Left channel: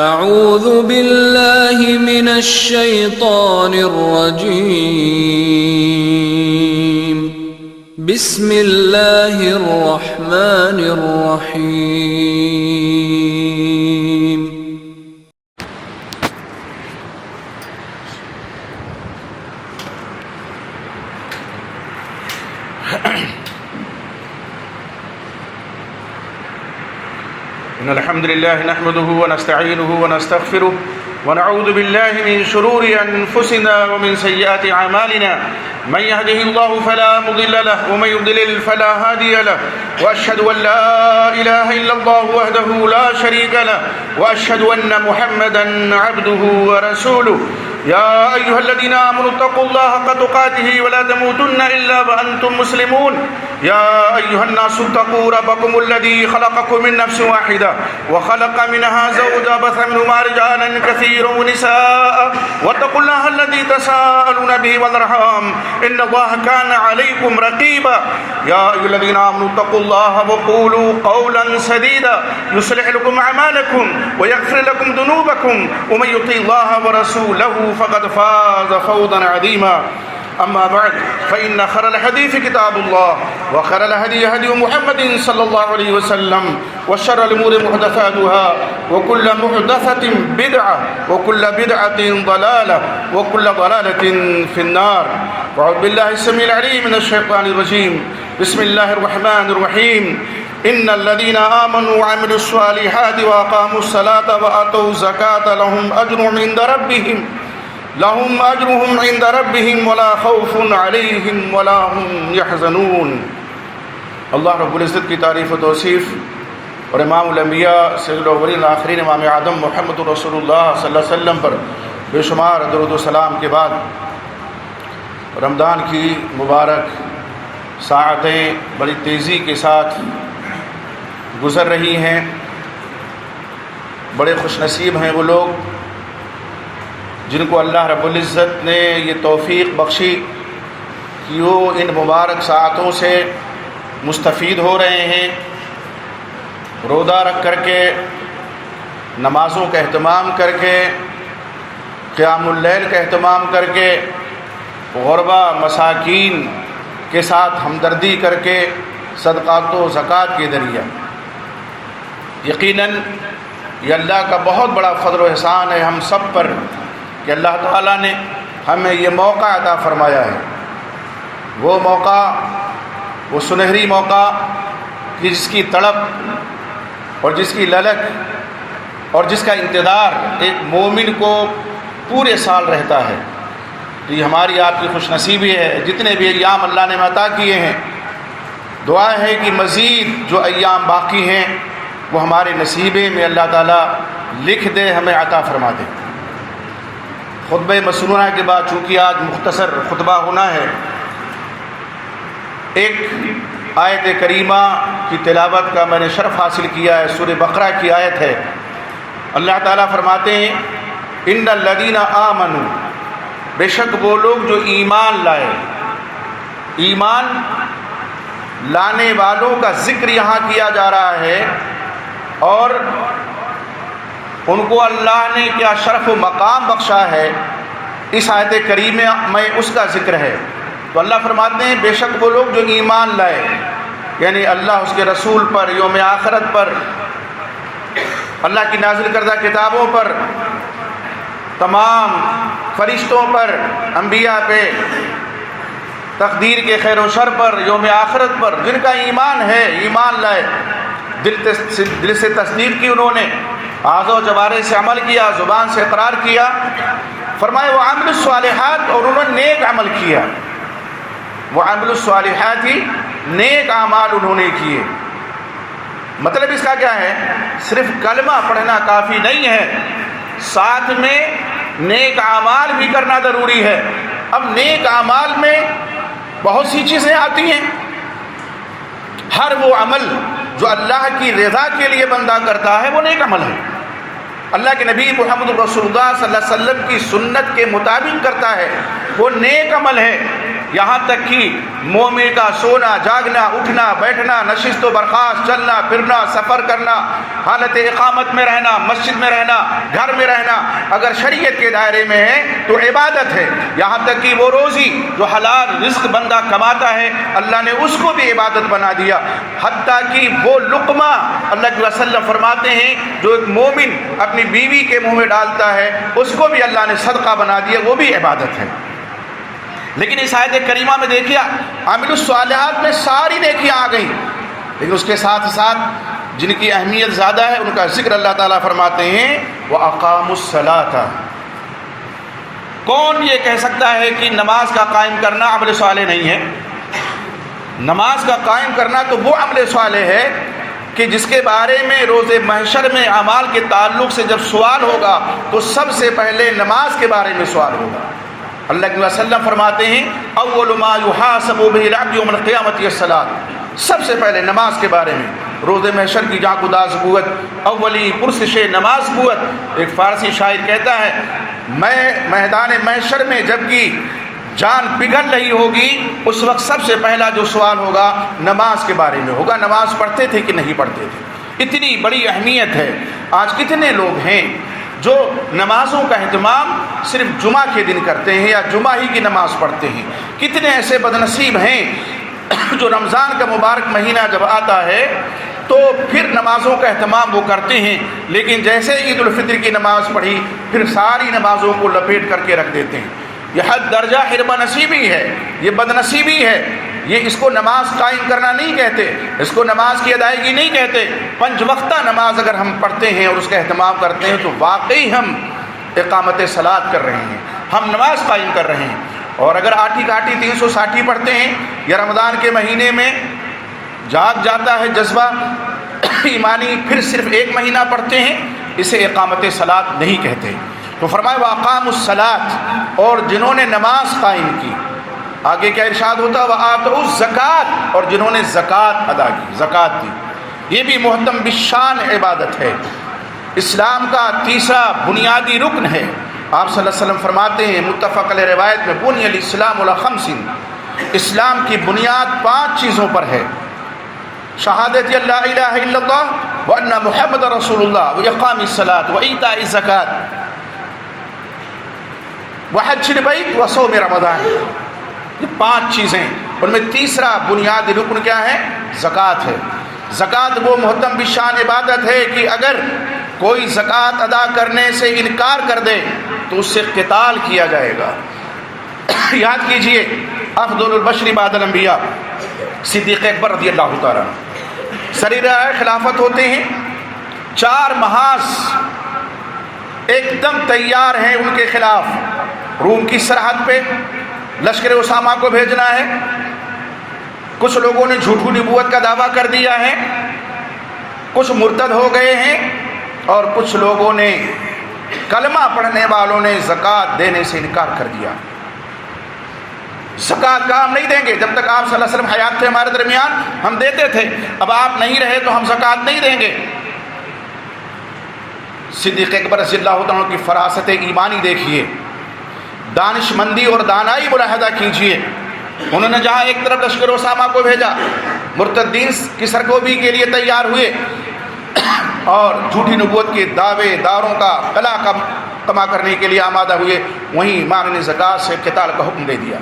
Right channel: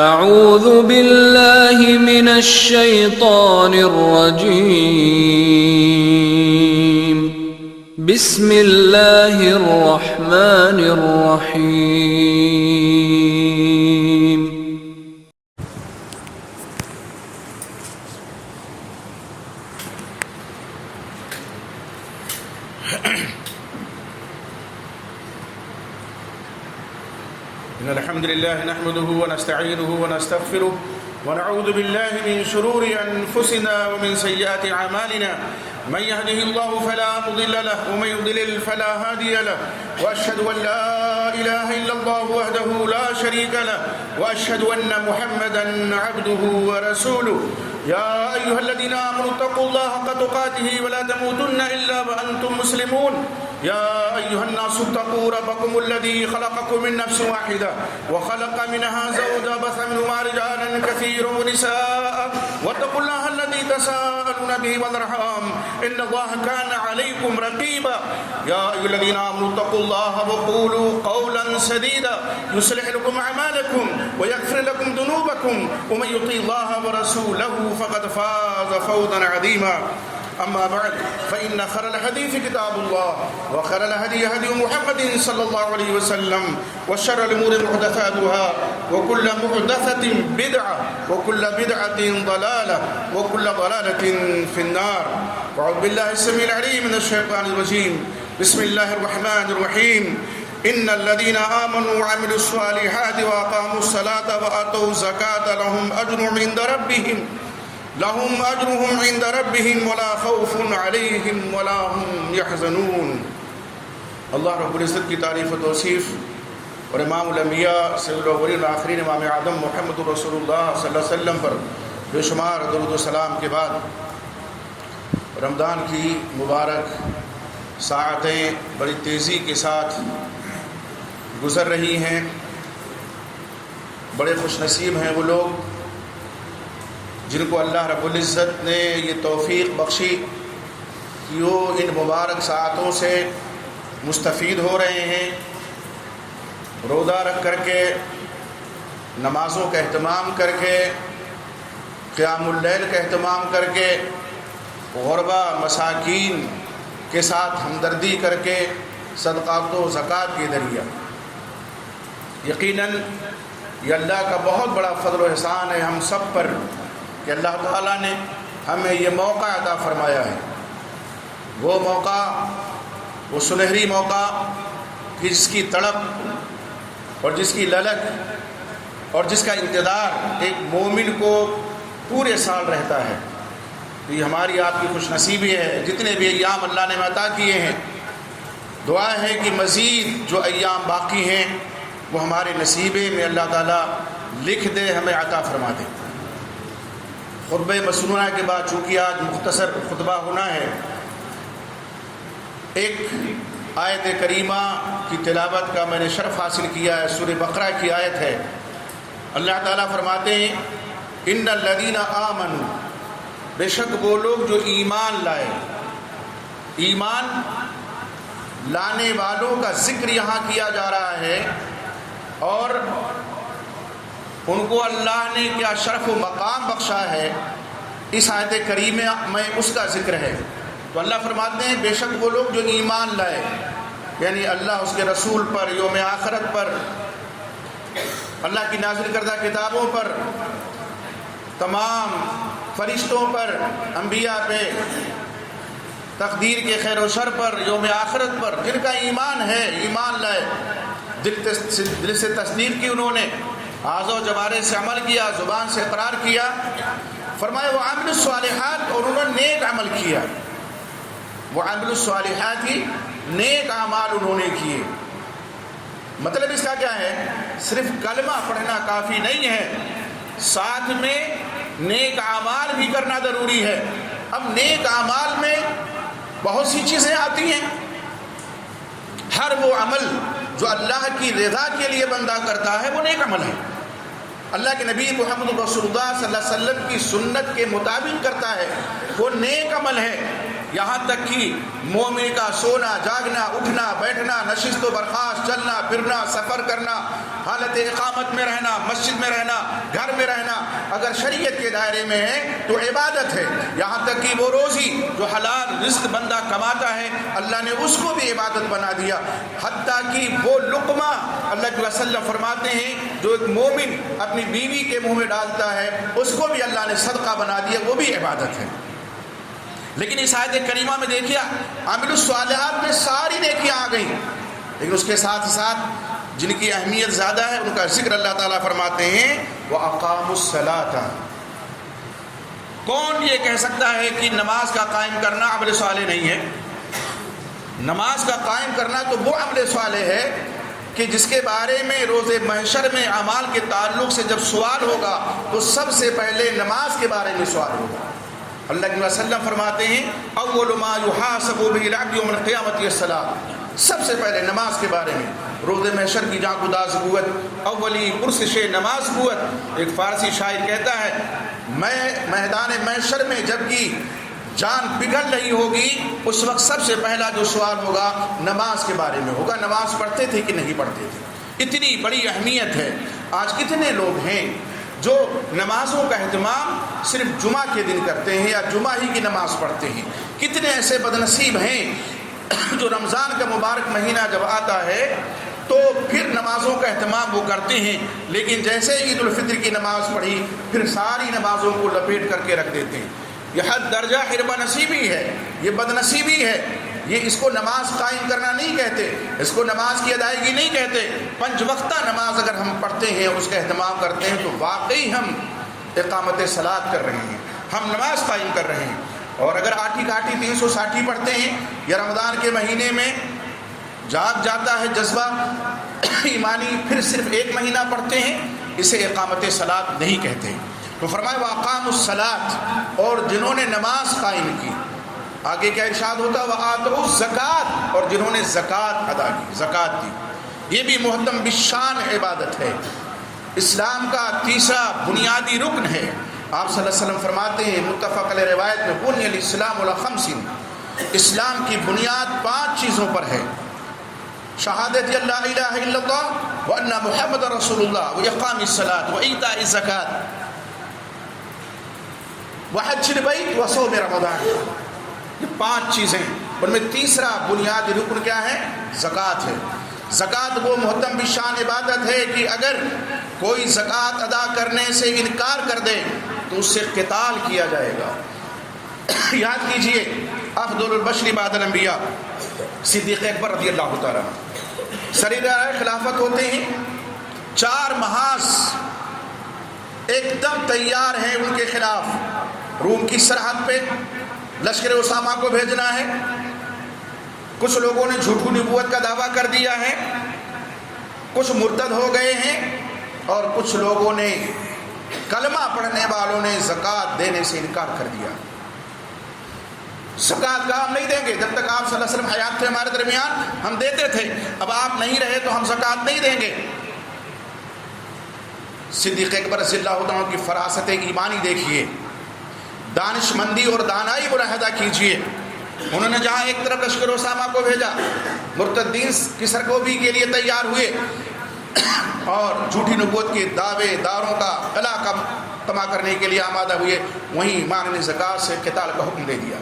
اعوذ باللہ من الشیطان الرجیم بسم اللہ الرحمن الرحیم إن الحمد لله نحمده ونستعينه ونستغفره ونعوذ بالله من شرور أنفسنا ومن سيئات أعمالنا من يهده الله فلا مضل له ومن يضلل فلا هادي له وأشهد أن لا إله إلا الله وحده لا شريك له وأشهد أن محمدا عبده ورسوله يا أيها الذين آمنوا اتقوا الله حق تقاته ولا تموتن إلا وأنتم مسلمون يا أيها الناس اتقوا ربكم الذي خلقكم من نفس واحدة وخلق منها زوجها بث منهما رجالا كثيرا ونساء واتقوا الله الذي تساءلون به والأرحام إن الله كان عليكم رقيبا يا أيها الذين آمنوا اتقوا الله وقولوا قولا سديدا يصلح لكم أعمالكم ويغفر لكم ذنوبكم ومن يطع الله ورسوله فقد فاز فوزا عظيما أما بعد فإن خير الحديث كتاب الله وخير الهدي هدي محمد صلى الله عليه وسلم وشر الأمور محدثاتها وكل محدثة بدعة وكل بدعة ضلالة وكل ضلالة في النار وأعوذ بالله السميع العليم من الشيطان الرجيم بسم الله الرحمن الرحيم إن الذين آمنوا وعملوا الصالحات وأقاموا الصلاة وآتوا الزكاة لهم أجرهم عند ربهم ولا خوف عليهم ولا هم يحزنون۔ اللہ رب العزت کی تعریف و توصیف اور امام الانبیاء سید الاولین والآخرین امام اعظم محمد رسول اللہ صلی اللہ علیہ وسلم پر بے شمار درود و سلام کے بعد رمضان کی مبارک ساعتیں بڑی تیزی کے ساتھ گزر رہی ہیں۔ بڑے خوش نصیب ہیں وہ لوگ جن کو اللہ رب العزت نے یہ توفیق بخشی کہ وہ ان مبارک ساعتوں سے مستفید ہو رہے ہیں، روزہ رکھ کر کے، نمازوں کا اہتمام کر کے، قیام اللیل کا اہتمام کر کے، غربا مساکین کے ساتھ ہمدردی کر کے، صدقات و زکوٰۃ کے ذریعہ۔ یقیناً یہ اللہ کا بہت بڑا فضل و احسان ہے ہم سب پر کہ اللہ تعالیٰ نے ہمیں یہ موقع عطا فرمایا ہے، وہ موقع، وہ سنہری موقع کہ جس کی تڑپ اور جس کی للک اور جس کا انتظار ایک مومن کو پورے سال رہتا ہے۔ یہ ہماری آپ کی خوش نصیبی ہے، جتنے بھی ایام اللہ نے عطا کیے ہیں، دعا ہے کہ مزید جو ایام باقی ہیں وہ ہمارے نصیبے میں اللہ تعالیٰ لکھ دے، ہمیں عطا فرما دے۔ خطبہ مسنونہ کے بعد چونکہ آج مختصر خطبہ ہونا ہے، ایک آیت کریمہ کی تلاوت کا میں نے شرف حاصل کیا ہے، سورہ بقرہ کی آیت ہے۔ اللہ تعالیٰ فرماتے ہیں ان الذین آمنوا، بے شک وہ لوگ جو ایمان لائے۔ ایمان لانے والوں کا ذکر یہاں کیا جا رہا ہے اور ان کو اللہ نے کیا شرف و مقام بخشا ہے، اس آیت کریمہ میں اس کا ذکر ہے۔ تو اللہ فرماتے ہیں بے شک وہ لوگ جو ایمان لائے، یعنی اللہ اس کے رسول پر، یوم آخرت پر، اللہ کی نازل کردہ کتابوں پر، تمام فرشتوں پر، انبیاء پہ، تقدیر کے خیر و شر پر، یوم آخرت پر، جن کا ایمان ہے، ایمان لائے، دل سے تصدیق کی انہوں نے، اعضاء و جوارح سے عمل کیا، زبان سے اقرار کیا، فرمایا وہ عامل الصالحات، اور انہوں نے نیک عمل کیا۔ وہ عامل الصالحات ہی نیک اعمال انہوں نے کیے۔ مطلب اس کا کیا ہے؟ صرف کلمہ پڑھنا کافی نہیں ہے، ساتھ میں نیک اعمال بھی کرنا ضروری ہے۔ اب نیک اعمال میں بہت سی چیزیں آتی ہیں۔ ہر وہ عمل جو اللہ کی رضا کے لیے بندہ کرتا ہے وہ نیک عمل ہے، اللہ کے نبی محمد رسول اللہ صلی اللہ علیہ وسلم کی سنت کے مطابق کرتا ہے وہ نیک عمل ہے۔ یہاں تک کہ مومن کا سونا جاگنا اٹھنا بیٹھنا نشست و برخاست چلنا پھرنا سفر کرنا حالت اقامت میں رہنا، مسجد میں رہنا، گھر میں رہنا اگر شریعت کے دائرے میں ہے تو عبادت ہے۔ یہاں تک کہ وہ روزی جو حلال رزق بندہ کماتا ہے اللہ نے اس کو بھی عبادت بنا دیا، حتیٰ کہ وہ لقمہ اللہ کے وسلم فرماتے ہیں جو ایک مومن اپنی بیوی کے منہ میں ڈالتا ہے اس کو بھی اللہ نے صدقہ بنا دیا، وہ بھی عبادت ہے۔ لیکن اس آیت کریمہ میں دیکھیے عامل الصالحات میں ساری نیکیاں آ گئیں، لیکن اس کے ساتھ ساتھ جن کی اہمیت زیادہ ہے ان کا ذکر اللہ تعالیٰ فرماتے ہیں وَأَقَامُوا الصَّلَاةَ۔ کون یہ کہہ سکتا ہے کہ نماز کا قائم کرنا عمل صالح نہیں ہے؟ نماز کا قائم کرنا تو وہ عمل صالح ہے کہ جس کے بارے میں روز محشر میں اعمال کے تعلق سے جب سوال ہوگا تو سب سے پہلے نماز کے بارے میں سوال ہوگا۔ اللہ کے وسلم فرماتے ہیں اول ما یحاسب بہ العبد یوم القیامۃ الصلاۃ، سب سے پہلے نماز کے بارے میں روز محشر کی جہاں گداز قوت اولی پرسش نماز قوت۔ ایک فارسی شاعر کہتا ہے میں میدان محشر میں جب کہ جان پگھل رہی ہوگی اس وقت سب سے پہلا جو سوال ہوگا نماز کے بارے میں ہوگا، نماز پڑھتے تھے کہ نہیں پڑھتے تھے۔ اتنی بڑی اہمیت ہے۔ آج کتنے لوگ ہیں جو نمازوں کا اہتمام صرف جمعہ کے دن کرتے ہیں یا جمعہ ہی کی نماز پڑھتے ہیں، کتنے ایسے بد نصیب ہیں جو رمضان کا مبارک مہینہ جب آتا ہے تو پھر نمازوں کا اہتمام وہ کرتے ہیں، لیکن جیسے عید الفطر کی نماز پڑھی پھر ساری نمازوں کو لپیٹ کر کے رکھ دیتے ہیں۔ یہ حد درجہ حربہ نصیبی ہے، یہ بد نصیبی ہے۔ یہ اس کو نماز قائم کرنا نہیں کہتے، اس کو نماز کی ادائیگی نہیں کہتے۔ 5 وقتہ نماز اگر ہم پڑھتے ہیں اور اس کا اہتمام کرتے ہیں تو واقعی ہم اقامت صلاۃ کر رہے ہیں، ہم نماز قائم کر رہے ہیں۔ اور اگر آٹھی کاٹھی 360 پڑھتے ہیں یا رمضان کے مہینے میں جاگ جاتا ہے جذبہ ایمانی پھر صرف 1 مہینہ پڑھتے ہیں، اسے اقامت صلاۃ نہیں کہتے۔ تو فرمایا وَأَقَامُوا الصَّلَاةَ، اور جنہوں نے نماز قائم کی، آگے کیا ارشاد ہوتا ہے وَآتَوُا الزَّکَاةَ، اور جنہوں نے زکوٰۃ ادا کی، زکوٰۃ دی۔ یہ بھی محتم بالشان عبادت ہے، اسلام کا تیسرا بنیادی رکن ہے۔ آپ صلی اللہ علیہ وسلم فرماتے ہیں متفق علیہ روایت میں بنی الاسلام علی 5، اسلام کی بنیاد 5 چیزوں پر ہے: شہادت لا الہ الا اللہ وان محمد رسول اللہ واقام الصلاۃ وایتاء الزکوٰۃ وحج البیت وصوم رمضان۔ یہ 5 چیزیں، ان میں تیسرا بنیادی رکن کیا ہے؟ زکوٰۃ ہے۔ زکوٰۃ وہ محتم بالشان عبادت ہے کہ اگر کوئی زکوٰۃ ادا کرنے سے انکار کر دے تو اس سے قتال کیا جائے گا۔ یاد کیجئے افضل البشر بعد الانبیاء صدیق اکبر رضی اللہ تعالیٰ سریر خلافت ہوتے ہیں، 4 محاذ ایک دم تیار ہیں ان کے خلاف۔ روم کی سرحد پہ لشکر اسامہ کو بھیجنا ہے، کچھ لوگوں نے جھوٹی نبوت کا دعویٰ کر دیا ہے، کچھ مرتد ہو گئے ہیں، اور کچھ لوگوں نے کلمہ پڑھنے والوں نے زکوٰۃ دینے سے انکار کر دیا۔ زکوٰۃ کا ہم نہیں دیں گے، جب تک آپ صلی اللہ علیہ وسلم حیات تھے ہمارے درمیان ہم دیتے تھے، اب آپ نہیں رہے تو ہم زکوٰۃ نہیں دیں گے۔ صدیق اکبر رضی اللہ عنہ کی فراست ایمانی دیکھیے، دانش مندی اور دانائی ملاحظہ کیجیے۔ انہوں نے جہاں ایک طرف لشکر اسامہ کو بھیجا، مرتدین کی سرکوبی کے لیے تیار ہوئے اور جھوٹی نبوت کے دعوے داروں کا قلع کما کرنے کے لیے آمادہ ہوئے، وہیں امام نے زکوٰۃ سے قتال کا حکم دے دیا۔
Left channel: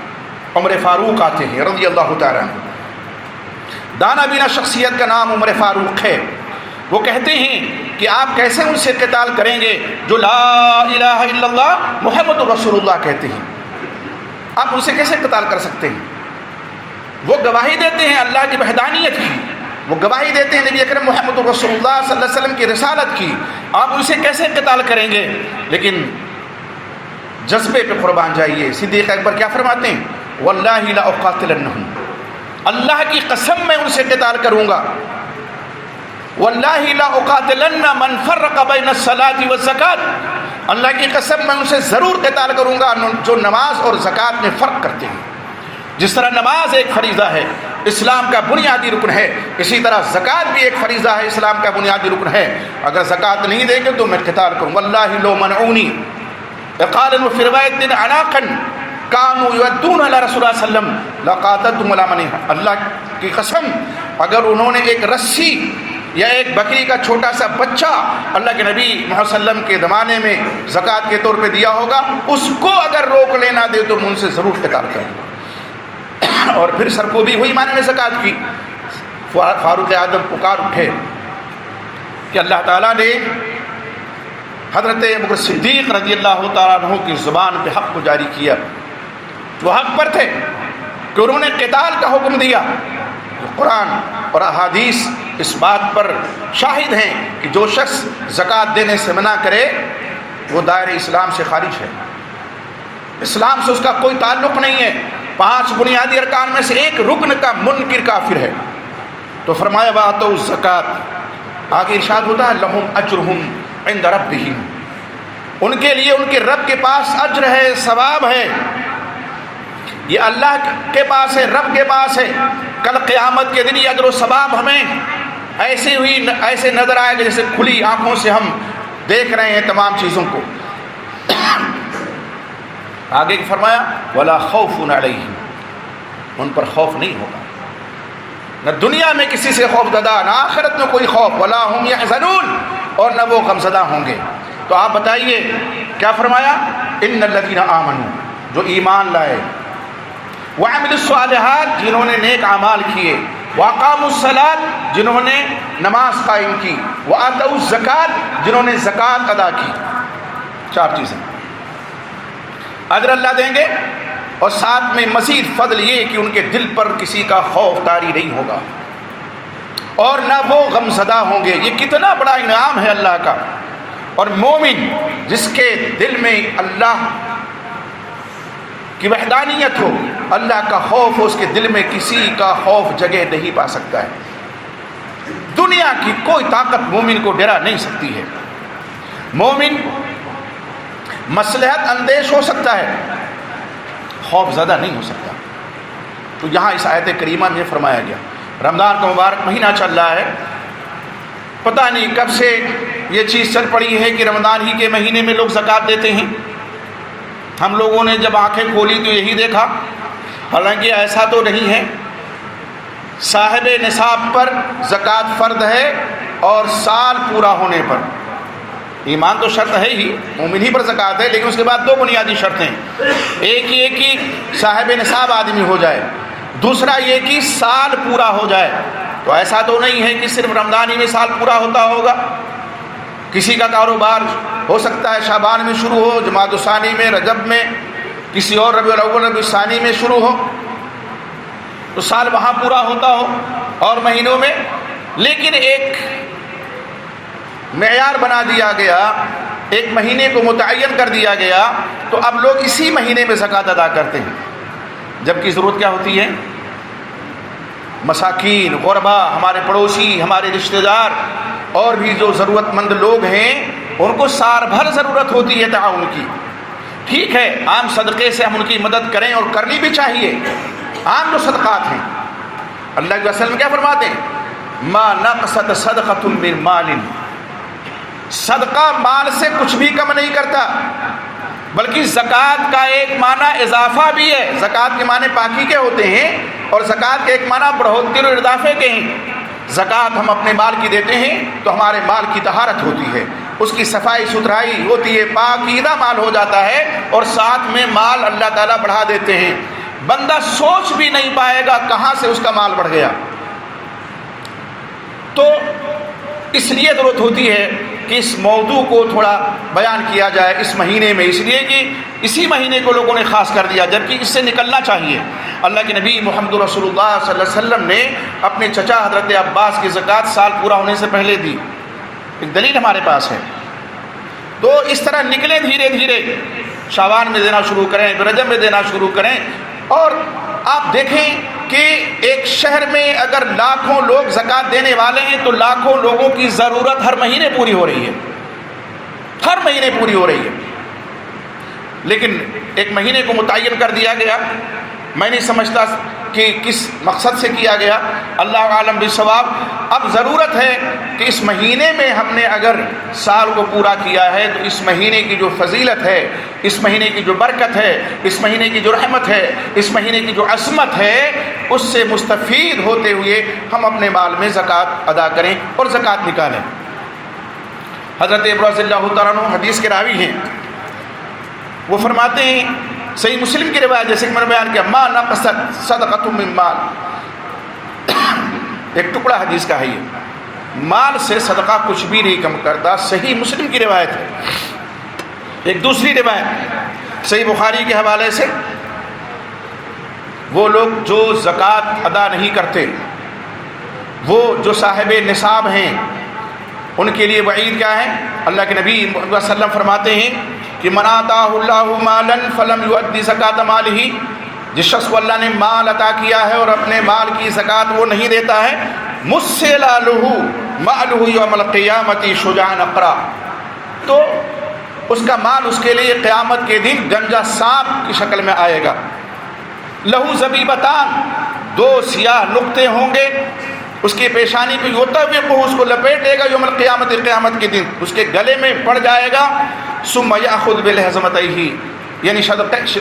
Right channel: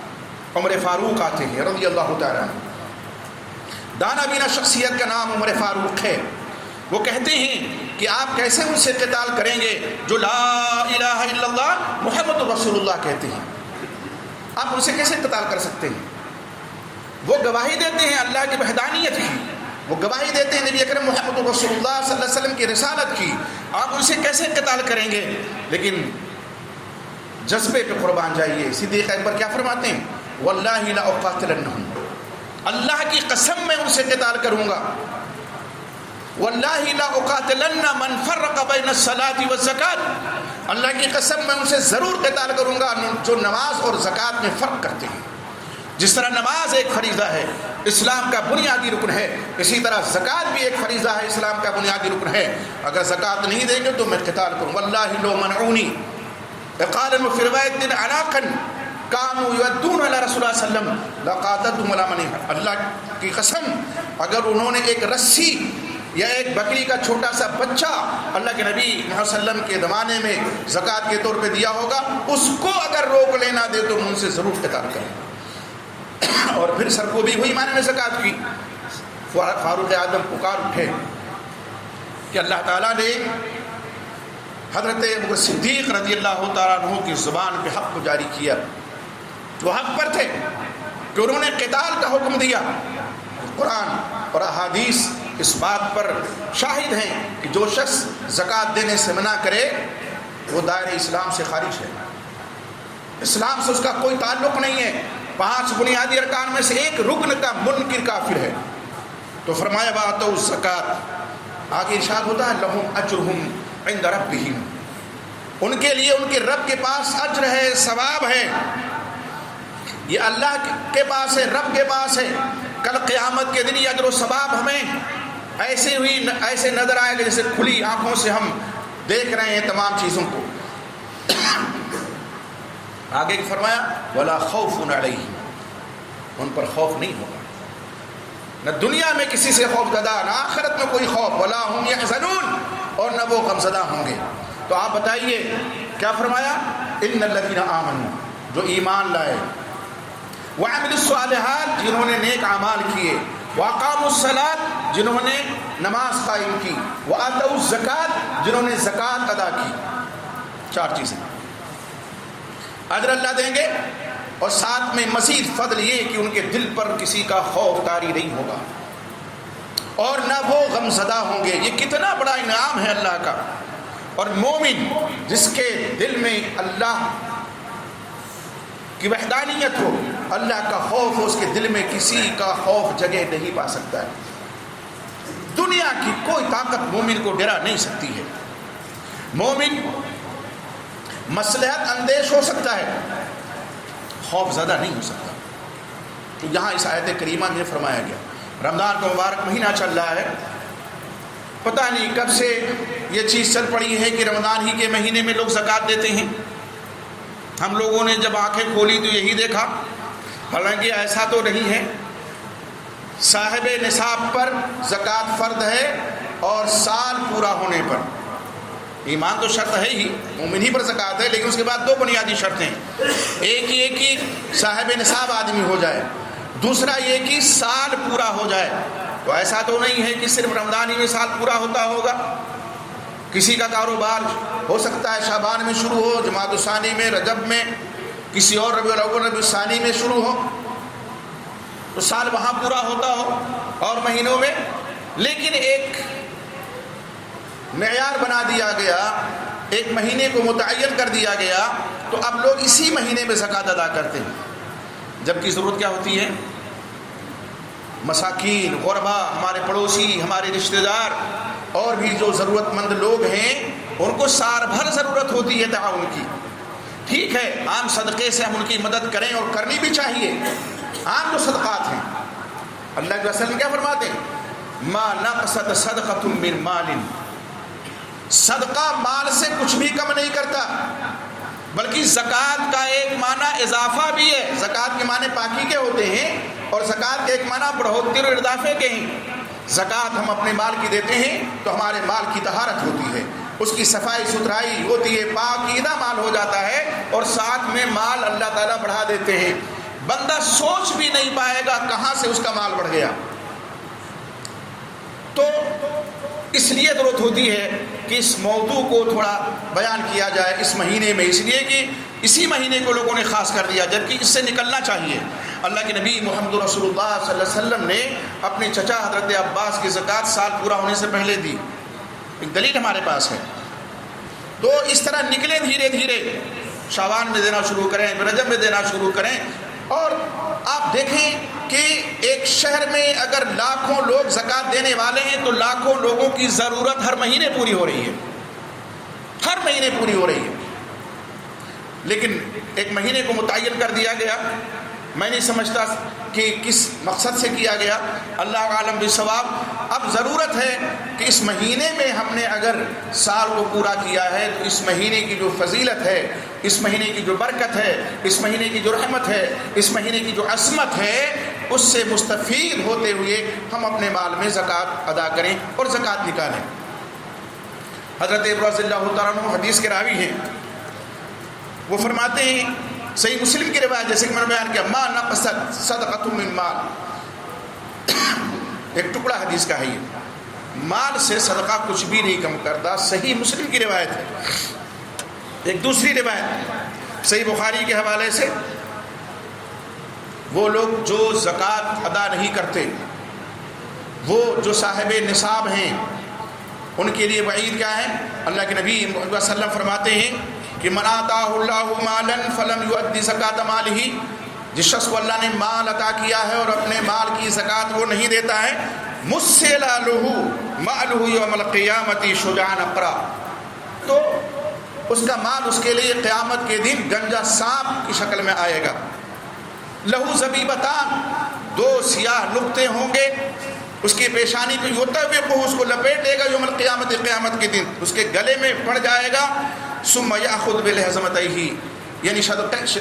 عمر فاروق آتے ہیں رضی اللہ تعالیٰ عنہ، دانا بینا شخصیت کا نام عمر فاروق ہے۔ وہ کہتے ہیں کہ آپ کیسے ان سے قتال کریں گے جو لا الہ الا اللہ محمد رسول اللہ کہتے ہیں، آپ ان سے کیسے قتال کر سکتے ہیں؟ وہ گواہی دیتے ہیں اللہ کی وحدانیت کی، وہ گواہی دیتے ہیں نبی اکرم محمد رسول اللہ صلی اللہ علیہ وسلم کی رسالت کی، آپ ان سے کیسے قتال کریں گے؟ لیکن جذبے پہ قربان جائیے۔ صدیق اکبر کیا فرماتے ہیں؟ واللہ لا اقاتلنہم، اللہ کی قسم میں ان سے قتال کروں گا۔ واللہ لا اقاتلن من فرق بین الصلاۃ والزکاۃ، اللہ کی قسم میں ان سے ضرور قتال کروں گا جو نماز اور زکوٰۃ میں فرق کرتے ہیں۔ جس طرح نماز ایک فریضہ ہے، اسلام کا بنیادی رکن ہے، اسی طرح زکوٰۃ بھی ایک فریضہ ہے، اسلام کا بنیادی رکن ہے۔ اگر زکوٰۃ نہیں دیں گے تو میں قتال کروں۔ واللہ لو منعونی قال فی روایت عناقا کانوا یؤدون علی رسول اللہ صلی اللہ علیہ وسلم لقاتلتهم علی منعها، اللہ کی قسم اگر انہوں نے ایک رسی یا ایک بکری کا چھوٹا سا بچہ اللہ کے نبی محمد صلی اللہ علیہ وسلم کے زمانے میں زکوٰۃ کے طور پہ دیا ہوگا، اس کو اگر روک لینا دے تو ان سے ضرور قتال کریں گے۔ اور پھر سرکوبی ہوئی معنی میں زکوٰۃ کی۔ فاروق اعظم پکار اٹھے کہ اللہ تعالیٰ نے حضرت ابوبکر صدیق رضی اللہ تعالیٰ عنہ کی زبان پہ حق کو جاری کیا، جو حق پر تھے، کہ انہوں نے قتال کا حکم دیا۔ قرآن اور احادیث اس بات پر شاہد ہیں کہ جو شخص زکوٰۃ دینے سے منع کرے وہ دائرۂ اسلام سے خارج ہے، اسلام سے اس کا کوئی تعلق نہیں ہے، 5 بنیادی ارکان میں سے ایک رکن کا منکر کافر ہے۔ تو فرمایا وآتوا الزکوٰۃ، آگے ارشاد ہوتا ہے لہم اجرہم عند ربہم، ان کے لیے ان کے رب کے پاس اجر ہے، ثواب ہے، یہ اللہ کے پاس ہے، رب کے پاس ہے۔ کل قیامت کے دن یہ اجر و ثواب ہمیں ایسے نظر آئے گا جیسے کھلی آنکھوں سے ہم دیکھ رہے ہیں تمام چیزوں کو۔ آگے فرمایا ولا خوف علیہم، ان پر خوف نہیں ہوگا، نہ دنیا میں کسی سے خوف زدہ، نہ آخرت میں کوئی خوف، ولا ہم یحزنون، اور نہ وہ غمزدہ ہوں گے۔ تو آپ بتائیے کیا فرمایا؟ ان الذین آمنوا، جو ایمان لائے، وعملوا الصالحات، جنہوں نے نیک اعمال کیے، واقاموا الصلاۃ، جنہوں نے نماز قائم کی، وآتوا الزکاۃ، جنہوں نے زکوٰۃ ادا کی۔ 4 چیزیں اجر اللہ دیں گے، اور ساتھ میں مزید فضل یہ کہ ان کے دل پر کسی کا خوف طاری نہیں ہوگا، اور نہ وہ غمزدہ ہوں گے۔ یہ کتنا بڑا انعام ہے اللہ کا۔ اور مومن جس کے دل میں اللہ کی وحدانیت ہو، اللہ کا خوف ہو، اس کے دل میں کسی کا خوف جگہ نہیں پا سکتا ہے۔ دنیا کی کوئی طاقت مومن کو ڈرا نہیں سکتی ہے۔ مومن مصلحت اندیش ہو سکتا ہے، خوف زدہ نہیں ہو سکتا۔ تو یہاں اس آیت کریمہ میں فرمایا گیا، رمضان کا مبارک مہینہ چل رہا ہے، پتہ نہیں کب سے یہ چیز چل پڑی ہے کہ رمضان ہی کے مہینے میں لوگ زکوٰۃ دیتے ہیں۔ ہم لوگوں نے جب آنکھیں کھولی تو یہی دیکھا، حالانکہ ایسا تو نہیں ہے۔ صاحب نصاب پر زکوٰۃ فرض ہے، اور سال پورا ہونے پر، ایمان تو شرط ہے ہی، مومن ہی پر زکوٰۃ ہے، لیکن اس کے بعد 2 بنیادی شرطیں، ایک یہ کہ صاحب نصاب آدمی ہو جائے، دوسرا یہ کہ سال پورا ہو جائے۔ تو ایسا تو نہیں ہے کہ صرف رمضان ہی میں سال پورا ہوتا ہوگا، کسی کا کاروبار ہو سکتا ہے شعبان میں شروع ہو، جمادی الثانی میں، رجب میں، کسی اور ربیع الاول ربیع الثانی میں شروع ہو، تو سال وہاں پورا ہوتا ہو اور مہینوں میں، لیکن ایک معیار بنا دیا گیا، ایک مہینے کو متعین کر دیا گیا، تو اب لوگ اسی مہینے میں زکوٰۃ ادا کرتے ہیں، جبکہ ضرورت کیا ہوتی ہے؟ مساکین، غربا، ہمارے پڑوسی، ہمارے رشتہ دار اور بھی جو ضرورت مند لوگ ہیں، ان کو سال بھر ضرورت ہوتی ہے تعاون کی۔ ٹھیک ہے، عام صدقے سے ہم ان کی مدد کریں، اور کرنی بھی چاہیے، عام جو صدقات ہیں۔ اللہ کے رسول کیا فرماتے ہیں؟ ما نقصت صدقۃ من مال، صدقہ مال سے کچھ بھی کم نہیں کرتا، بلکہ زکوٰۃ کا ایک معنی اضافہ بھی ہے۔ زکوٰۃ کے معنی پاکی کے ہوتے ہیں، اور زکوٰۃ کے ایک معنی بڑھوتری اور اضافے کے ہیں۔ زکوٰۃ ہم اپنے مال کی دیتے ہیں تو ہمارے مال کی طہارت ہوتی ہے، اس کی صفائی ستھرائی ہوتی ہے، پاکیزہ مال ہو جاتا ہے، اور ساتھ میں مال اللہ تعالیٰ بڑھا دیتے ہیں، بندہ سوچ بھی نہیں پائے گا کہاں سے اس کا مال بڑھ گیا۔ تو اس لیے ضرورت ہوتی ہے کہ اس موضوع کو تھوڑا بیان کیا جائے اس مہینے میں، اس لیے کہ اسی مہینے کو لوگوں نے خاص کر دیا، جبکہ اس سے نکلنا چاہیے۔ اللہ کے نبی محمد رسول اللہ صلی اللہ علیہ وسلم نے اپنے چچا حضرت عباس کی زکوٰۃ سال پورا ہونے سے پہلے دی، ایک دلیل ہمارے پاس ہے۔ تو اس طرح نکلیں، دھیرے دھیرے شعبان میں دینا شروع کریں، رجب میں دینا شروع کریں، اور آپ دیکھیں کہ ایک شہر میں اگر لاکھوں لوگ زکوٰۃ دینے والے ہیں تو لاکھوں لوگوں کی ضرورت ہر مہینے پوری ہو رہی ہے، ہر مہینے پوری ہو رہی ہے۔ لیکن ایک مہینے کو متعین کر دیا گیا، میں نہیں سمجھتا کہ کس مقصد سے کیا گیا، اللہ عالم بالصواب۔ اب ضرورت ہے کہ اس مہینے میں ہم نے اگر سال کو پورا کیا ہے تو اس مہینے کی جو فضیلت ہے، اس مہینے کی جو برکت ہے، اس مہینے کی جو رحمت ہے، اس مہینے کی جو عظمت ہے، اس سے مستفید ہوتے ہوئے ہم اپنے مال میں زکوٰۃ ادا کریں اور زکوٰۃ نکالیں۔ حضرت ابو رضی اللہ تعالیٰ عنہ حدیث کے راوی ہیں، وہ فرماتے ہیں صحیح مسلم کی روایت جیسے کہ میں نے بیان کیا، ما نقصت صدقۃ من مال، ایک ٹکڑا حدیث کا ہے یہ، مال سے صدقہ کچھ بھی نہیں کم کرتا، صحیح مسلم کی روایت ہے۔ ایک دوسری روایت صحیح بخاری کے حوالے سے، وہ لوگ جو زکوٰۃ ادا نہیں کرتے، وہ جو صاحب نصاب ہیں، ان کے لیے وعید کیا ہے؟ اللہ کے نبی محمد صلی اللہ علیہ وسلم فرماتے ہیں کہ من آتاہ اللہ مالا فلم یؤدی زکاۃ مالہ، جس شخص کو اللہ نے مال عطا کیا ہے اور اپنے مال کی زکوٰۃ وہ نہیں دیتا ہے، مسل لہ مالہ یوم القیامۃ شجاعا اقرا، تو اس کا مال اس کے لیے قیامت کے دن گنجا سانپ کی شکل میں آئے گا۔ لہو زبیبتان، دو سیاہ نقطے ہوں گے اس کی پیشانی پہ، یطوق، اس کو لپیٹے گا یوم القیامت، قیامت کے دن اس کے گلے میں پڑ جائے گا، ثم یأخذ بلحظمتیہ، یعنی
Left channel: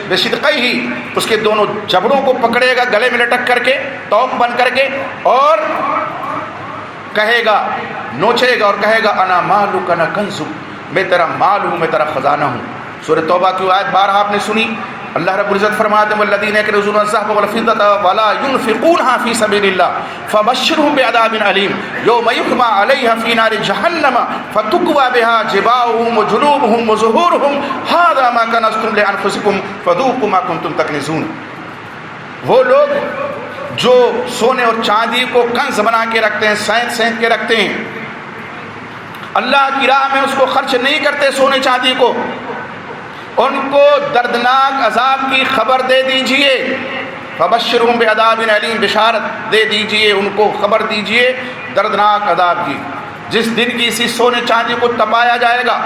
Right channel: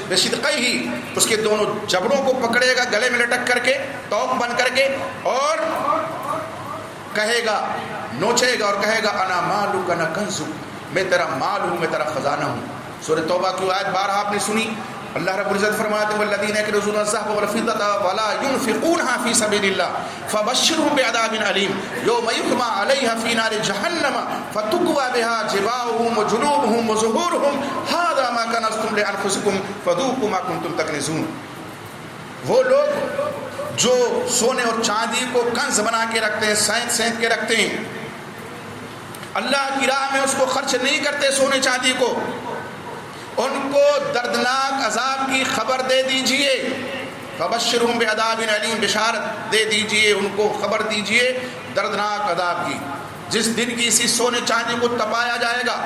بشدقیہ، اس کے دونوں جبڑوں کو پکڑے گا گلے میں لٹک کر کے، توق بن کر کے، اور کہے گا، نوچے گا اور کہے گا انا مالک انا کنزک، میں تیرا مال ہوں، میں تیرا خزانہ ہوں۔ سورہ توبہ کی آیت 12 آپ نے سنی، اللہ رب العزت فرماتے ہیں والذین یکنزون الذهب والفضة ولا ينفقونها في سبيل الله فبشرهم بعذاب أليم يوم يحمى عليها في نار جهنم فتكوى بها جباههم وجنوبهم وظهورهم هذا ما كنزتم لأنفسكم فذوقوا ما كنتم تكنزون۔ وہ لوگ جو سونے اور چاندی کو کنز بنا کے رکھتے ہیں، سینت سینت کے رکھتے ہیں، اللہ کی راہ میں اس کو خرچ نہیں کرتے سونے چاندی کو، ان کو دردناک عذاب کی خبر دے دیجئے، فبشرہم بعذاب علیم، بشارت دے دیجئے، ان کو خبر دیجئے دردناک عذاب کی، جس دن کی اسی سونے چاندی کو تپایا جائے گا،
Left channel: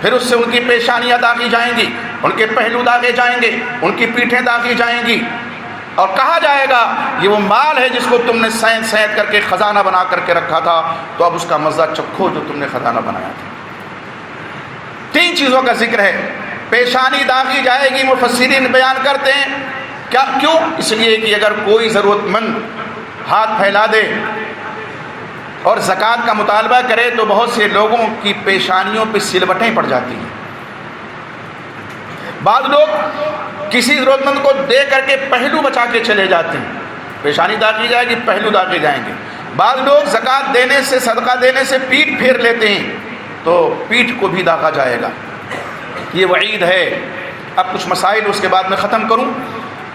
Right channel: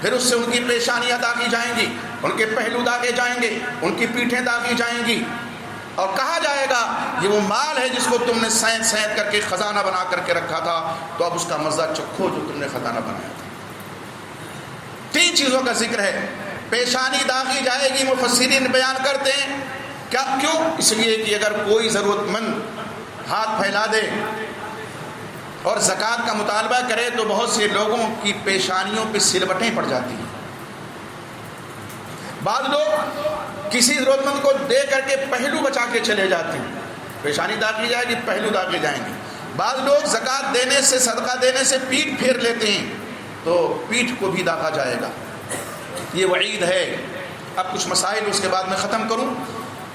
پھر اس سے ان کی پیشانیاں داغی جائیں گی، ان کے پہلو داغے جائیں گے، ان کی پیٹھیں داغی جائیں گی، اور کہا جائے گا یہ وہ مال ہے جس کو تم نے سینت سینت کر کے خزانہ بنا کر کے رکھا تھا، تو اب اس کا مزہ چکھو جو تم نے خزانہ بنایا تھا۔ تین چیزوں کا ذکر ہے، پیشانی داغی جائے گی، مفسرین بیان کرتے ہیں کیا، کیوں؟ اس لیے کہ اگر کوئی ضرورت مند ہاتھ پھیلا دے اور زکوٰۃ کا مطالبہ کرے تو بہت سے لوگوں کی پیشانیوں پہ سلوٹیں پڑ جاتی ہیں۔ بعض لوگ کسی ضرورت مند کو دے کر کے پہلو بچا کے چلے جاتے ہیں، پیشانی داغی جائے گی، پہلو داغے جائیں گے۔ بعض لوگ زکوٰۃ دینے سے، صدقہ دینے سے پیٹھ پھیر لیتے ہیں، تو پیٹھ کو بھی داغا جائے گا، یہ وعید ہے۔ اب کچھ مسائل اس کے بعد میں ختم کروں۔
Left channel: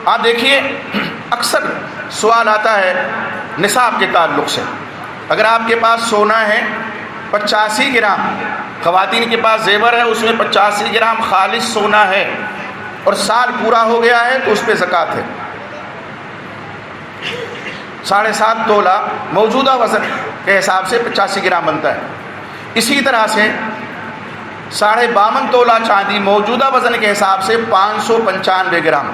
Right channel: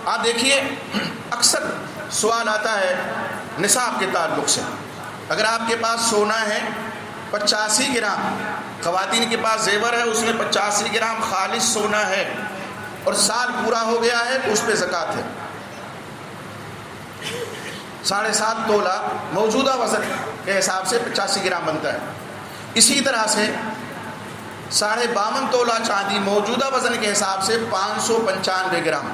آپ دیکھیے اکثر سوال آتا ہے نصاب کے تعلق سے، اگر آپ کے پاس سونا ہے 85 گرام، خواتین کے پاس زیور ہے اس میں 85 گرام خالص سونا ہے، اور سال پورا ہو گیا ہے تو اس پہ زکوٰۃ ہے، 7.5 تولہ موجودہ وزن کے حساب سے 85 گرام بنتا ہے۔ اسی طرح سے 52.5 تولہ چاندی موجودہ وزن کے حساب سے 595 گرام،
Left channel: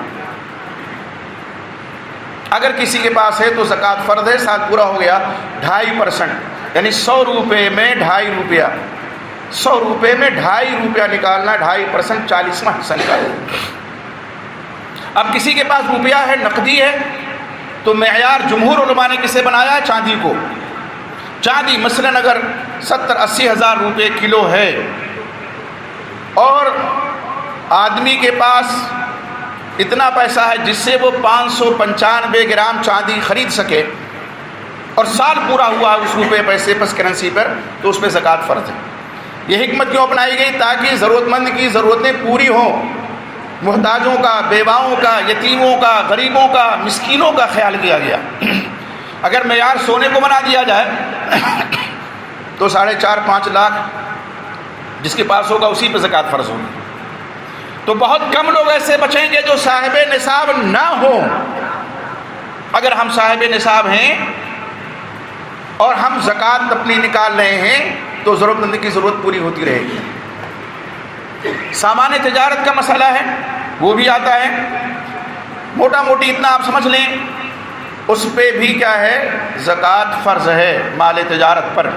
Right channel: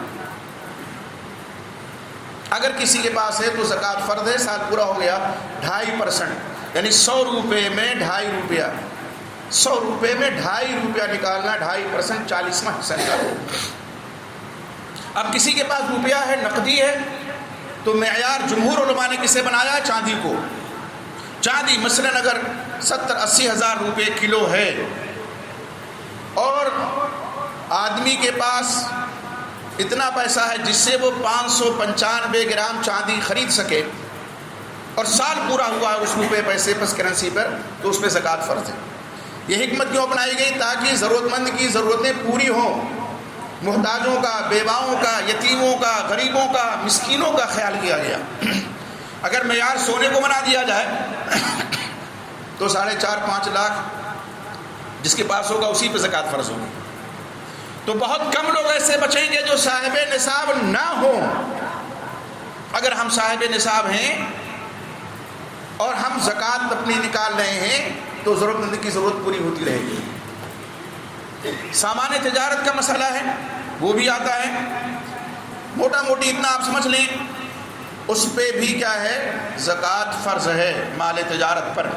اگر کسی کے پاس ہے تو زکوٰۃ فرض ہے، سال پورا ہو گیا 2.5%، یعنی 100 روپے میں 2.5 روپیہ، 100 روپے میں 2.5 روپیہ نکالنا، 2.5% 40واں حصہ نکالنا۔ اب کسی کے پاس روپیہ ہے، نقدی ہے، تو معیار جمہور علماء نے کسے بنایا؟ چاندی کو۔ چاندی مثلاً اگر 70-80 ہزار روپے کلو ہے اور آدمی کے پاس اتنا پیسہ ہے جس سے وہ 595 گرام چاندی خرید سکے، اور سال پورا ہوا اس روپے پیسے پس کرنسی پر، تو اس پہ زکوٰۃ فرض ہے۔ یہ حکمت کیوں اپنائی گئی؟ تاکہ ضرورت مند کی ضرورتیں پوری ہوں، محتاجوں کا، بیواؤں کا، یتیموں کا، غریبوں کا، مسکینوں کا خیال کیا گیا۔ اگر معیار سونے کو بنا دیا جائے تو 4.5-5 لاکھ جس کے پاس ہوگا اسی پہ زکوٰۃ فرض ہوگی، تو بہت کم لوگ ایسے بچیں گے جو صاحب نصاب نہ ہوں۔ اگر ہم صاحب نصاب ہیں اور ہم زکوٰۃ اپنی نکال رہے ہیں تو ضرورت مند کی ضرورت پوری ہوتی رہے گی۔ سامان تجارت کا مسئلہ ہے، وہ بھی آتا ہے، موٹا موٹی اتنا آپ سمجھ لیں اس پہ بھی کیا ہے زکوٰۃ فرض ہے مال تجارت پر.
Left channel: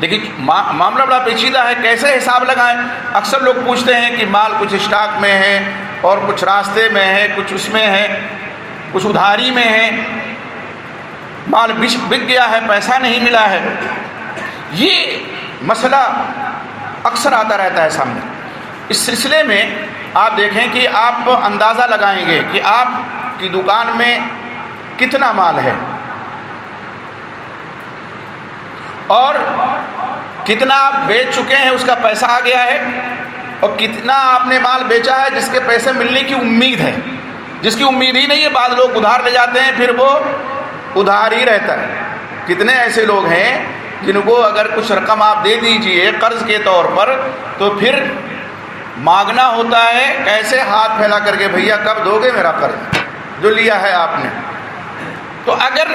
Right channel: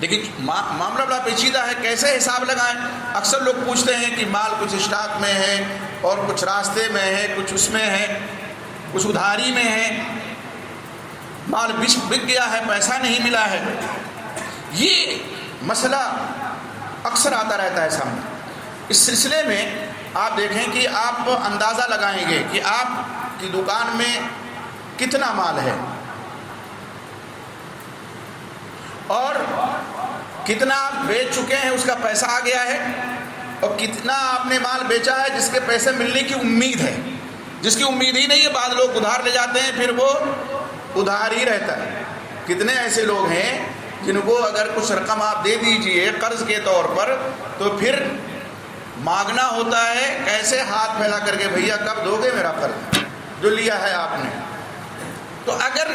لیکن معاملہ بڑا پیچیدہ ہے، کیسے حساب لگائیں؟ اکثر لوگ پوچھتے ہیں کہ مال کچھ اسٹاک میں ہے اور کچھ راستے میں ہے، کچھ اس میں ہے، کچھ ادھاری میں ہے، مال بک گیا ہے، پیسہ نہیں ملا ہے. یہ مسئلہ اکثر آتا رہتا ہے سامنے. اس سلسلے میں آپ دیکھیں کہ آپ اندازہ لگائیں گے کہ آپ کی دکان میں کتنا مال ہے اور کتنا آپ بیچ چکے ہیں، اس کا پیسہ آ گیا ہے، اور کتنا آپ نے مال بیچا ہے جس کے پیسے ملنے کی امید ہے. جس کی امید ہی نہیں ہے، بعض لوگ ادھار لے جاتے ہیں، پھر وہ ادھار ہی رہتا ہے. کتنے ایسے لوگ ہیں جن کو اگر کچھ رقم آپ دے دیجئے قرض کے طور پر تو پھر مانگنا ہوتا ہے کیسے ہاتھ پھیلا کر کے، بھیا کب دو گے میرا قرض جو لیا ہے آپ نے. تو اگر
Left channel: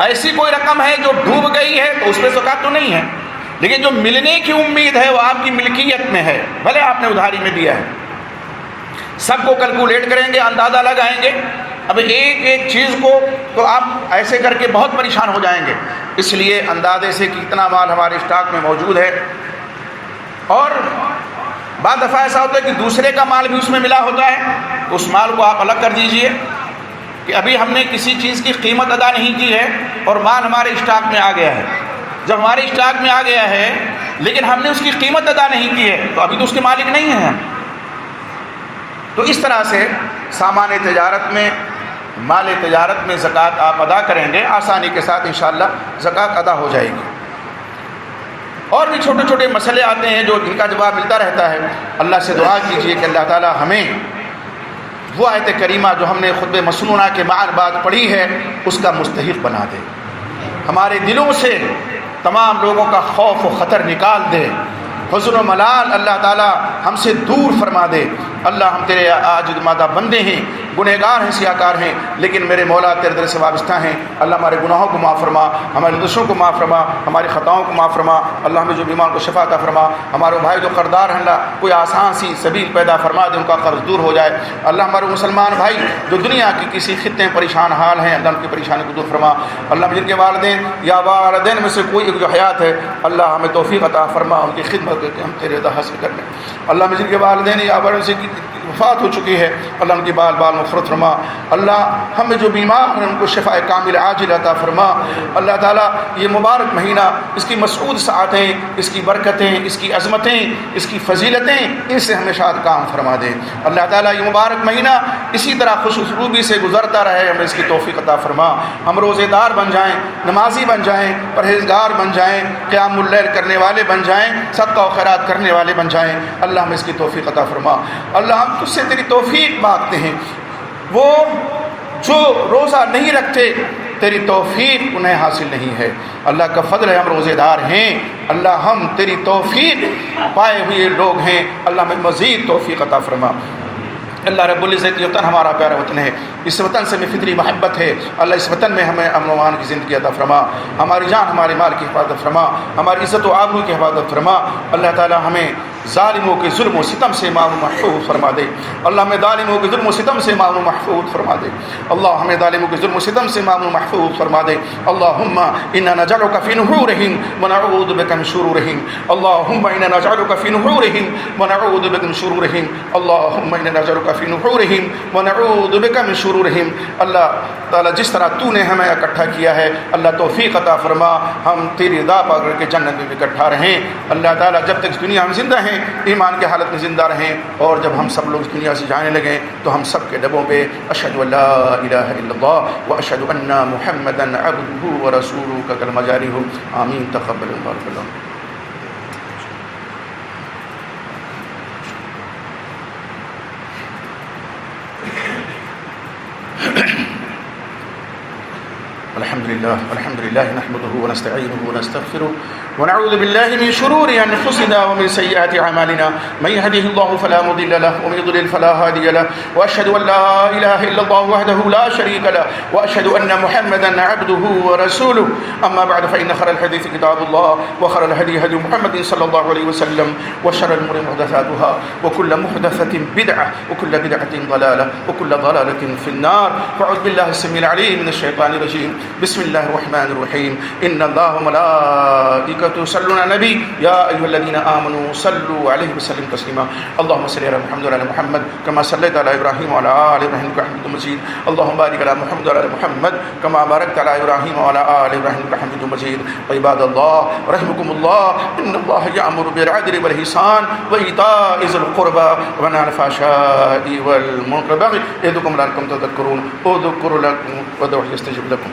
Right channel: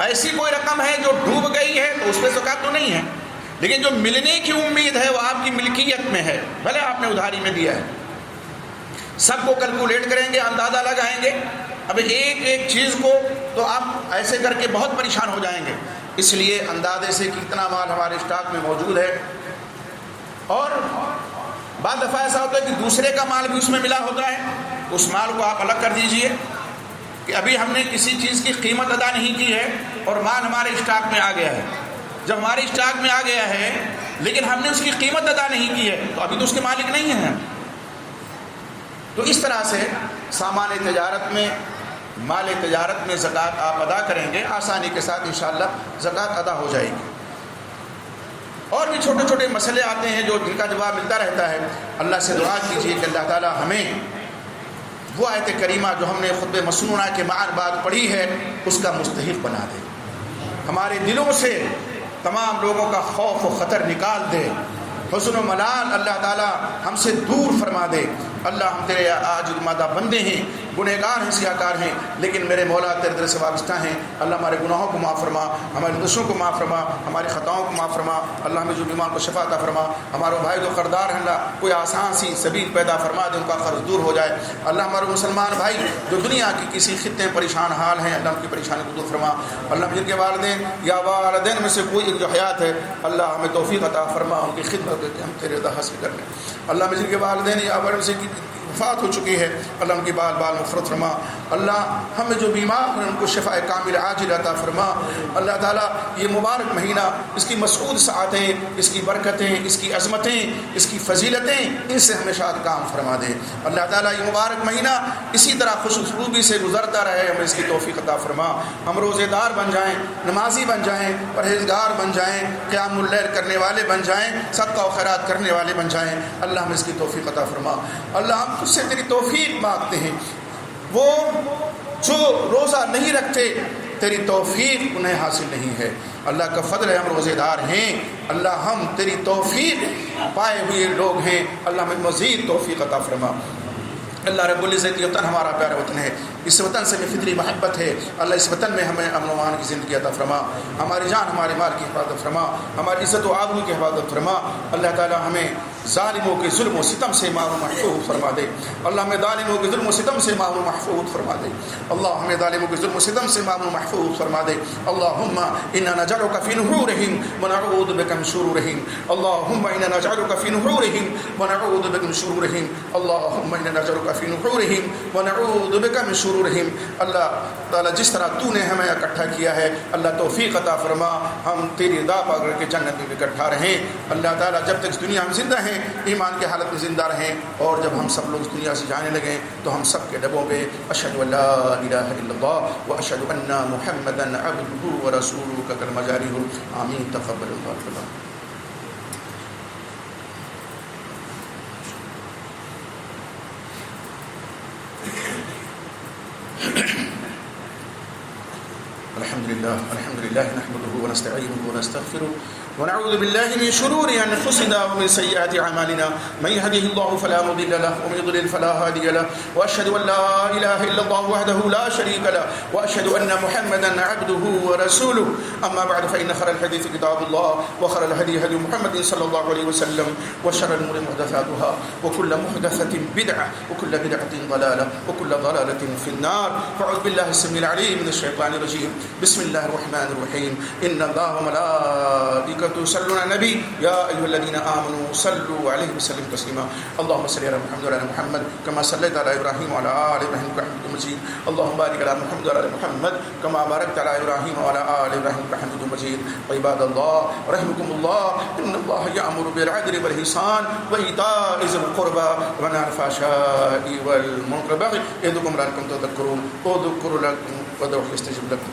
ایسی کوئی رقم ہے جو ڈوب گئی ہے تو اس پہ زکوٰۃ تو نہیں ہے، لیکن جو ملنے کی امید ہے وہ آپ کی ملکیت میں ہے، بھلے آپ نے ادھاری میں دیا ہے. سب کو کیلکولیٹ کریں گے، اندازہ لگائیں گے. اب ایک ایک چیز کو تو آپ ایسے کر کے بہت پریشان ہو جائیں گے. اس لیے اندازے سے کتنا مال ہمارے اسٹاک میں موجود ہے. اور بعض دفعہ ایسا ہوتا ہے کہ دوسرے کا مال بھی اس میں ملا ہوتا ہے، تو اس مال کو آپ الگ کر دیجئے کہ ابھی ہم نے کسی چیز کی قیمت ادا نہیں کی ہے اور مال ہمارے اسٹاک میں آ گیا ہے. جب ہمارے اسٹاک میں آ گیا ہے لیکن ہم نے اس کی قیمت ادا نہیں کی ہے تو ابھی تو اس کے مالک نہیں ہیں. تو اس طرح سے سامان تجارت میں، مال تجارت میں زکوٰۃ آپ ادا کریں گے، آسانی کے ساتھ انشاءاللہ زکوٰۃ ادا ہو جائے گی. اور بھی چھوٹے چھوٹے مسئلے آتے ہیں جو جن کا جواب ملتا رہتا ہے. اللہ سے دعا کیجیے کہ اللہ تعالی ہمیں وہ آیت کریمہ جو ہم نے خطبہ مسنونہ کے بعد پڑھی ہے اس کا مستحق بنا دے. ہمارے دلوں سے تمام لوگوں کا خوف و خطر نکال دے. حزن و ملال اللہ تعالی ہم سے دور فرما دے. اللہ ہم تیرے عاجز مادہ بندے ہیں، گنہگار ہیں، سیاکار ہیں، لیکن میرے مولا تیرے در سے وابستہ ہیں. اللہ ہمارے گناہوں کو معاف فرما، ہمارے دوسروں کو معاف فرما، ہماری خطاؤں کو معاف فرما. اللہ ہمیں جو بیمار کو شفا عطا فرما. ہمارے بھائی جو قرضدار ہیں اللہ کوئی آسان سی سبیل پیدا فرما دے، ان کا قرض دور ہو جائے. اللہ ہمارے مسلمان بھائی جو دنیا کی کسی خطے میں پریشان حال ہیں اللہ ان کی پریشانی کو دور فرما. اللہ جن کے والدین یا والدین میں سے کوئی ایک جو حیات ہے اللہ ہمیں توفیق عطا فرما ان کی خدمت کر کے ہم تیرے رضا حاصل کر لیں. اللہ جن کے والدین یا والدین سے وفات ہو چکی ہے اللہ ان کی بال مغفرت فرما. اللہ ہمیں جو بیمار ہیں ان کو شفاء کامل عاجل عطا فرما. اللہ تعالیٰ یہ مبارک مہینہ اس کی مسعود ساعتیں، اس کی برکتیں، اس کی عظمتیں، اس کی فضیلتیں ان سے ہمیشہ کام فرما دے. اللہ تعالیٰ یہ مبارک مہینہ اسی طرح خوش اسلوبی سے گزرتا رہے، ہمیں اس کی توفیق عطا فرما. ہم روزے دار بن جائیں، نمازی بن جائیں، پرہیزگار بن جائیں، قیام اللیل کرنے والے بن جائیں، صدقہ و خیرات کرنے والے بن جائیں. اللہ ہمیں اس کی توفیق عطا فرما. اللہ ہم تجھ سے تیری توفیق مانگتے ہیں. وہ جو روزہ نہیں رکھتے تیری توفیق انہیں حاصل نہیں ہے. اللہ کا فضل ہے ہم روزے دار ہیں. اللہ ہم تیری توفیق پائے ہوئے لوگ ہیں. اللہ ہمیں مزید توفیق عطا فرما. اللہ رب العزت یہ وطن ہمارا پیارا وطن ہے، اس وطن سے ہمیں فطری محبت ہے. اللہ اس وطن میں ہمیں امن و امان کی زندگی عطا فرما. ہماری جان ہمارے مال کی حفاظت فرما. ہماری عزت و آبرو کی حفاظت فرما. اللہ تعالی ہمیں ظالموں کے ظلم و ستم سے معمول محفوظ فرما دے. اللہ ہمیں ظالموں کے ظلم و ستم سے معمول محفوظ فرما دے. اللہ ہمیں ظالموں کے ظلم و ستم سے معمول محفوظ فرما دے. اللہم انا نجعلک فی نحورہم ونعوذ بک من شرورہم. اللہم انا نجعلک فی نحورہم ونعوذ بک من شرورہم. اللہم انا نجعلک فی نحورہم ونعوذ بک من شرورہم. اللہ تعالیٰ جس طرح تو نے ہمیں اکٹھا کیا ہے اللہ توفیق عطا فرما، ہم تیری رضا پا کر کے جنت میں اکٹھا رہیں. اللہ تعالیٰ جب تک اس دنیا میں زندہ ہیں ایمان کی حالت میں زندہ رہیں، اور جب ہم سب لوگ اس دنیا سے جانے لگیں تو ہم سب کے لبوں پہ اشہد ان لا الہ الا اللہ و اشہد ان محمدا عبدہ ورسولہ کا کلمہ جاری ہو. آمین. تقبل اللہ. الحمد الحمد لله نحمده ونستعينه ونستغفره ونعوذ بالله من شرور أنفسنا ومن سيئات أعمالنا من يهده الله فلا مضل له ومن يضلل فلا هادي له وأشهد أن لا إله إلا الله وحده لا شريك له وأشهد أن محمدا عبده ورسوله أما بعد فإن خير الحديث كتاب الله وخير الهدي هدي محمد صلى الله عليه وسلم وشر الأمور محدثاتها وكل محدثة بدعة وكل بدعة ضلالة وكل ضلالة في النار فأعوذ بالله السميع العليم من الشيطان الرجيم بسم الله الرحمن الرحيم إن الله وملائكته يصلون على النبي يا أيها الذين آمنوا صلوا عليه وسلموا تسليما اللهم صل على محمد وعلى محمد كما صليت على إبراهيم وعلى آل إبراهيم إنك حميد مجيد اللهم بارك على محمد وعلى آل محمد كما باركت على إبراهيم وعلى آل إبراهيم إنك حميد مجيد عباد الله رحمكم الله إن الله يأمر بالعدل والإحسان وإيتاء ذي القربى وينهى عن الفحشاء والمنكر والبغي يعظكم لعلكم تذكرون اذكروا لكم وادعوه يستجب لكم